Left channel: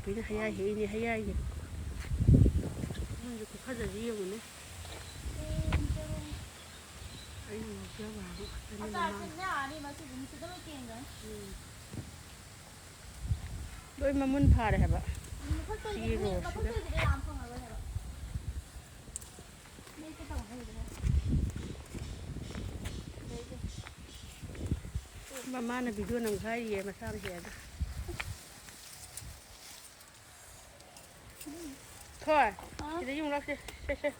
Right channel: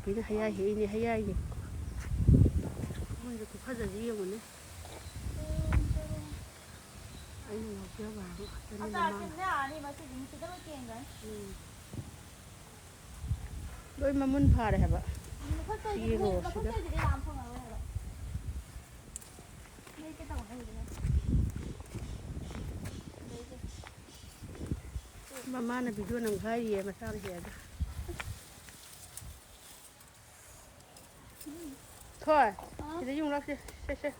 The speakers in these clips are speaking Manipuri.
ꯅꯨꯄꯤꯅ ꯍꯩꯌꯥꯏ ꯍꯦꯛꯏꯅꯦ ꯍꯩꯌꯥꯏꯅꯦ ꯃꯣꯏꯁꯨ ꯈꯨꯐꯖꯁꯤ ꯌꯦꯡꯉꯨꯅꯦ ꯑꯩꯅ ꯉꯥꯎꯖꯕ ꯂꯣꯏ ꯃꯃꯨꯟ ꯐꯥꯔꯦ ꯍꯥꯏꯕ ꯁꯤꯒꯤ ꯔꯣꯁꯤꯗ ꯃꯃꯥꯅ ꯚꯤꯗꯤꯑꯣ ꯅꯝꯈꯥꯏꯔꯤꯌꯦ ꯃꯁꯥꯅ ꯍꯦꯛꯑꯒ ꯊꯣꯏ ꯁꯤꯗ ꯌꯨꯡ ꯂꯥꯛꯁꯦ ꯁꯦ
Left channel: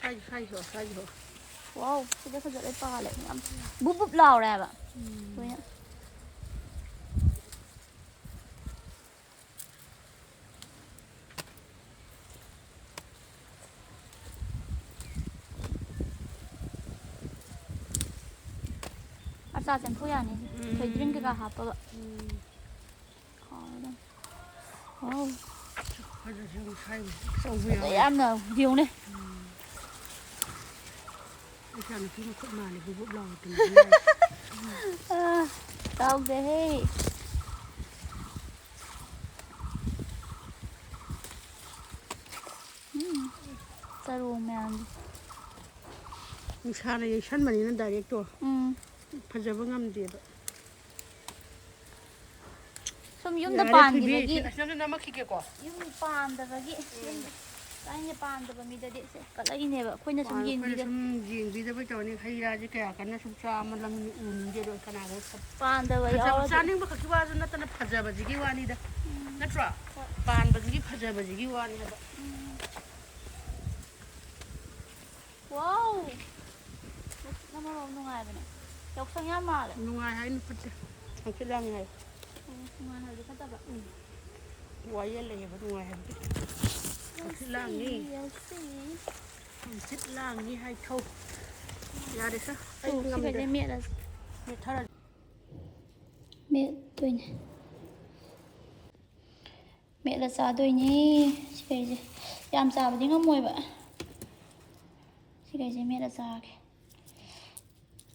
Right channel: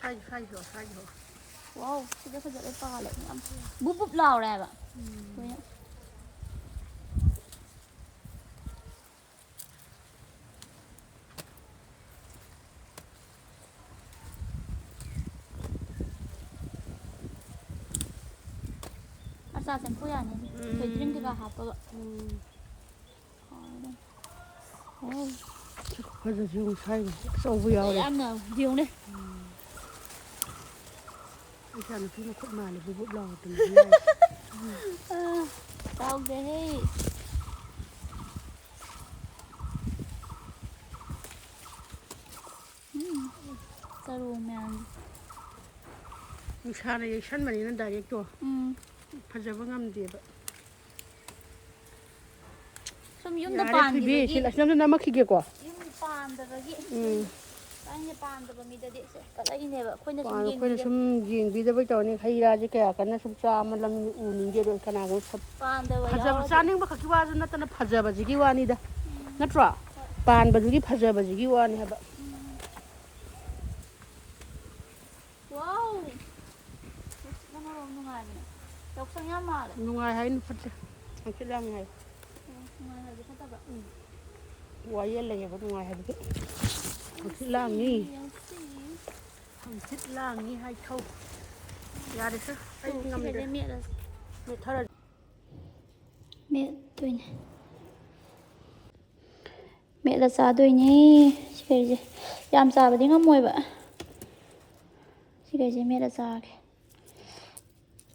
ꯁꯥꯏꯖꯣ ꯋꯥꯎ ꯁꯤꯗ ꯐꯖꯅ ꯄꯥꯜꯂꯦ ꯌꯥꯝ ꯕꯨꯞ ꯕꯨꯞ ꯂꯥꯎꯔꯦꯕ ꯂꯣꯏꯅ ꯑꯆꯥ ꯆꯦꯡꯐꯨ ꯌꯥꯅꯤ ꯊꯣꯏꯗ꯭ꯔꯤꯡ ꯀꯩꯀꯥ ꯍꯥꯞꯄꯒ ꯍꯥꯎꯔꯗꯝ ꯋꯥꯎ ꯐꯖꯁꯨ ꯉꯁꯥꯏ ꯑꯆꯧꯕ ꯌꯥꯎꯋꯦ ꯌꯥꯝꯅ ꯌꯦꯡꯉꯨꯅꯦ ꯏꯆꯥ ꯅꯨꯄꯤ ꯃꯈꯨꯠ ꯃꯥꯜꯂꯦ ꯕꯨꯞ ꯕꯨꯞ ꯂꯥꯎꯔꯗꯅ ꯇꯧꯗꯦꯍꯦ ꯆꯔꯣꯡ ꯃꯌꯥꯝꯗꯣ ꯅꯨꯡꯁꯥꯅ ꯌꯩꯁꯟꯕꯅꯤꯅ ꯗꯥꯏꯔꯦꯛꯇꯣ ꯐꯖꯕ ꯉꯝꯗꯦꯕ ꯁꯨꯝ ꯌꯨꯝꯗ ꯌꯥꯔꯦ ꯊꯣꯏꯕꯤ ꯄꯥꯟꯈꯤꯕꯒꯤ ꯑꯁꯤꯗ ꯅꯝꯃꯛꯈꯤꯒꯦꯀꯣ ꯌꯨꯝ ꯄꯥꯟꯗꯕꯒꯤ ꯑꯩꯅ ꯄꯥꯟꯗꯕ ꯃꯤꯗꯗꯤ ꯀꯠꯂꯛꯏꯅꯦꯕ ꯑꯩꯈꯣꯏꯅ ꯁꯨꯝ ꯑꯩꯈꯣꯏꯅ ꯁꯨꯝ ꯌꯦꯡꯕꯤꯗꯕꯩ ꯇꯧꯔꯅꯤ ꯍꯩ ꯔꯥꯁꯦ ꯀꯌꯥ ꯀꯟꯅ ꯁꯨꯝ ꯆꯥꯃꯜꯂꯝꯅꯤ ꯎꯅꯤꯡꯗꯦꯗꯣ ꯀꯅꯥꯒꯨꯝꯕ ꯄꯥꯟꯗꯕ ꯐꯖꯕ ꯌꯥꯎꯔꯗꯤ ꯆꯥꯅꯤꯡꯕ ꯈꯛꯀꯤ ꯋꯥꯁꯨ ꯅꯠꯇꯅ ꯐꯖꯕꯁꯤꯒꯤ ꯋꯥꯅꯤꯗ ꯅꯠꯇ꯭ꯔꯣ ꯄꯥꯟꯕꯁꯤꯒꯤ ꯐꯖꯕꯁꯤꯒꯤ ꯋꯥꯅꯤ ꯍꯥꯏꯕ ꯋꯥꯎ ꯅꯨꯡꯁꯤꯠꯅ ꯃꯔꯣꯝ ꯅꯨꯡꯉꯥꯏꯕꯅꯦ ꯌꯥꯎꯁꯪ ꯌꯥꯝ ꯃꯥꯜꯂꯦ ꯅꯨꯡꯉꯥꯏ ꯍꯥꯏꯅꯨ ꯐꯠꯇꯦ ꯍꯪꯆꯤꯠ ꯂꯥꯡꯉꯦ ꯍꯥꯏꯌꯨ ꯅꯨꯡꯉꯥꯏ ꯍꯥꯏꯕꯗꯤ ꯐꯠꯇꯕ ꯋꯥꯌꯦꯜ ꯂꯩꯌꯦꯕ ꯅꯨꯡꯉꯥꯏ ꯍꯥꯏꯕꯗꯤ ꯍꯪꯆꯤꯠ ꯂꯥꯡꯉꯤ ꯍꯪꯆꯤꯠ ꯂꯥꯡꯉꯤ ꯍꯥꯏꯊꯧ ꯌꯥꯔꯦꯁꯦ ꯑꯩ ꯉꯝꯗ꯭ꯔꯦ ꯁꯤꯈꯩꯁꯦ ꯃꯦꯠꯂꯁꯤ ꯃꯦꯠꯊꯔ ꯃꯦꯠꯇꯣꯏꯅꯦ ꯃꯦꯠꯂ ꯆꯥꯗꯣꯏꯅꯦ ꯁꯤꯈꯩꯁꯦ ꯌꯥꯝ ꯆꯥꯕꯗꯤ ꯉꯝꯃꯣꯏꯕ ꯁꯤꯈꯩꯁꯦ ꯃꯦꯠꯂ ꯆꯥꯒꯦ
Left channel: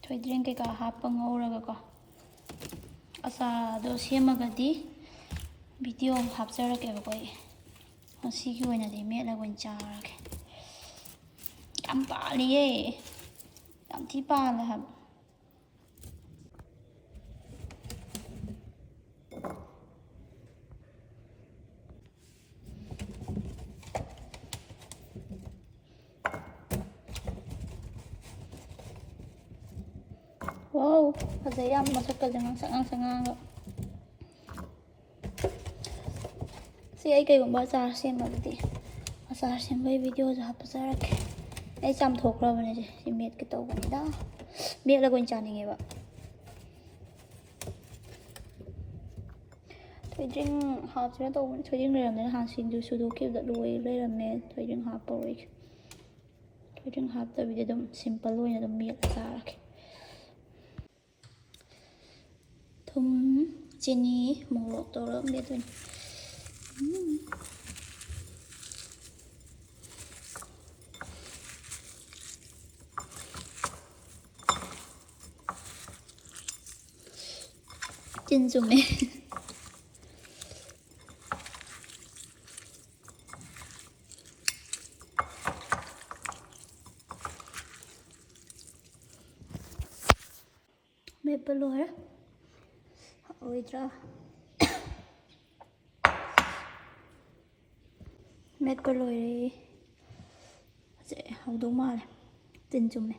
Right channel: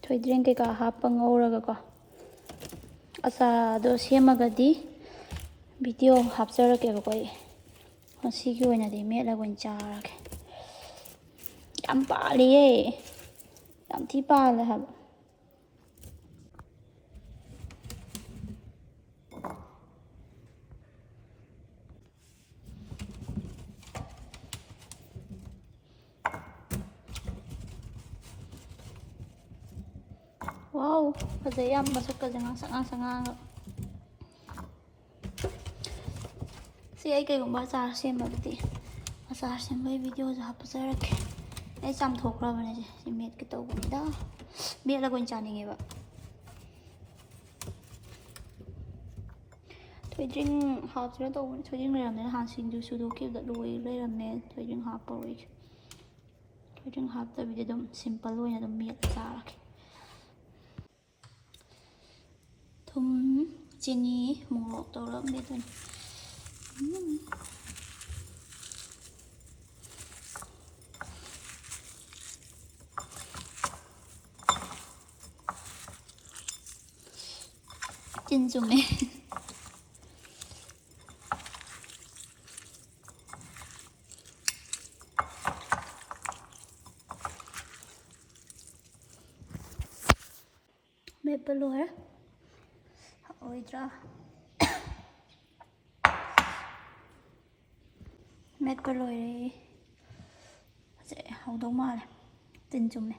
ꯊꯣꯏꯗ꯭ꯔꯤꯡ ꯀꯩꯀꯥ ꯍꯥꯞꯄ ꯉꯧꯔꯒꯀꯣ ꯑꯆꯥꯔꯗꯣ ꯁꯦꯝꯃꯒꯗꯤ ꯚꯤꯗꯤꯑꯣ ꯍꯥꯞꯆꯔꯛꯀꯦꯕꯀꯣ ꯑꯩ ꯉꯁꯤꯒꯤ ꯑꯣꯏꯅꯗꯤ ꯃꯦꯠꯂꯒ ꯑꯣꯏꯅ ꯆꯥꯔꯒꯦ ꯌꯥꯝ ꯄꯥꯜꯂꯤꯌꯦ ꯌꯥꯝ ꯊꯤ ꯄꯥꯜꯂꯦ ꯍꯥꯏꯕ ꯋꯥꯎ ꯐꯖꯩ ꯌꯥꯝ ꯃꯁꯛꯀꯁꯦ ꯉꯥꯡꯁꯪ ꯉꯥꯡꯉꯒ ꯁꯤ ꯑꯩ ꯀꯩꯒꯨꯝꯕ ꯑꯆꯥꯔ ꯁꯦꯝꯃꯒꯗꯤ ꯑꯆꯥꯔ ꯁꯦꯝꯕꯒꯤ ꯚꯤꯗꯤꯑꯣꯁꯨ ꯍꯥꯞꯆꯔꯛꯀꯦ ꯑꯩ ꯆꯥꯝꯊꯣꯛꯈ꯭ꯔꯕꯅꯦ ꯁꯤ ꯃꯦꯠꯀꯦ ꯇꯧꯕꯅꯤꯗ ꯃꯦꯠꯂꯒ ꯑꯣꯏꯅ ꯆꯥꯅꯤꯡꯉꯦꯕ ꯊꯣꯏꯗ꯭ꯔꯤꯡ ꯍꯥꯞꯁꯤꯔ ꯇꯧꯕꯅꯦ ꯊꯣꯏꯗ꯭ꯔꯤꯡ ꯂꯩꯔꯝꯗꯦ ꯅꯍꯥꯟ ꯁꯤꯡꯖꯨ ꯁꯨꯗꯣꯛꯈꯤꯕꯗ ꯂꯩꯔꯝꯃꯦ ꯊꯣꯏꯗ꯭ꯔꯤꯡ ꯍꯥꯞꯄꯔꯣꯏꯒꯦ ꯊꯣꯏꯗ꯭ꯔꯤꯡ ꯍꯥꯞꯇꯕꯤꯗ ꯑꯗꯨꯝ ꯁꯤꯝꯄꯜ ꯑꯣꯏꯅ ꯑꯗꯨꯝ ꯃꯦꯠꯂ ꯆꯥꯔꯒꯦ ꯊꯨꯝ ꯆꯤꯅꯤ ꯃꯣꯔꯣꯛ ꯇꯧꯔꯒ ꯃꯦꯠꯇꯣꯏꯅꯦ ꯆꯤꯟ ꯆꯨꯝꯃꯦ ꯃꯦꯠꯄ ꯂꯣꯏꯔꯦ ꯍꯥꯎꯔꯣꯏꯗ꯭ꯔꯥ ꯃꯦꯠꯄ ꯂꯣꯏꯔꯦ ꯍꯧꯗꯧ ꯃꯥꯜꯂꯦ ꯇꯤꯟ ꯆꯨꯝꯃꯦ